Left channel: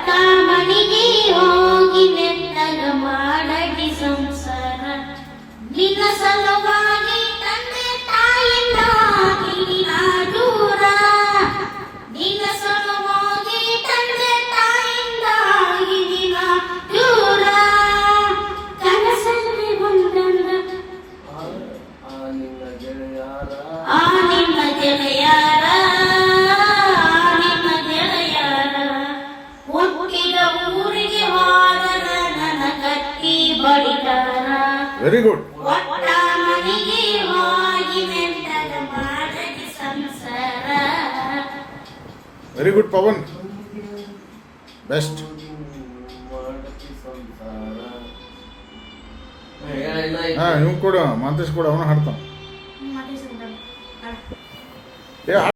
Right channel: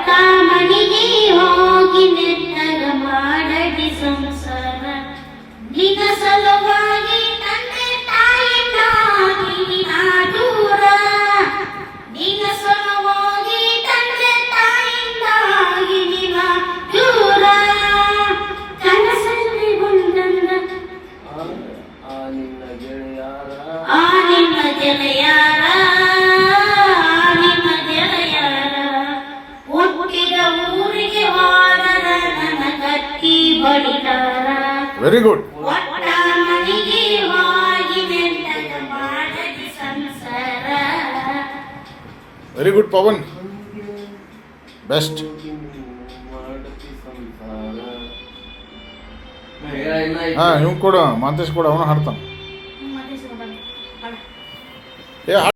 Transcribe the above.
ಮನೆಗೆ ಹೋಗಿ ನೆಟ್ಟಗ ಮಾಡದಿ ಸಂಸಾರ ನಿನ್ನ ಸಲುವಾಗಿ ತಂದೆ ತಾಯಿಯಿಂದಾಗಿ ನಾ ದೂರ ನಿನ್ನ ಸಲುವಾಗಿ ತಂದೆ ತಾಯಿಯಿಂದಾಗಿ ನಿನ್ನ ದೂರ ಕನಸಲ್ಲಿ ಬಂದಂಗ ನಿನ್ನ ಗೆಳೆಯರ ಹುಟ್ಟಿದ ಊರಿಗೆ ವಾದನ ನನ್ನ ಕಟ್ಟಿ ಬಡಿತಾರ ವೆರಿ ಗುಡ್ ಒಟ್ಟ ಮನೆಗೆ ಹೋಗಿ ನೆಟ್ಟಗ ಮಾಡದಿ ಸಂಸಾರ ವೆರಿ ಗುಡ್ ಪವನ್ ಬೆಸ್ಟ್ ಹಾಂ ಇವ್ ಕೊಡು ಮಾಂತೇಶ್ ಕೊಡು ಅವನು ಹಾಡ್ತಾನೆ ಮತ್ತೆ ಏ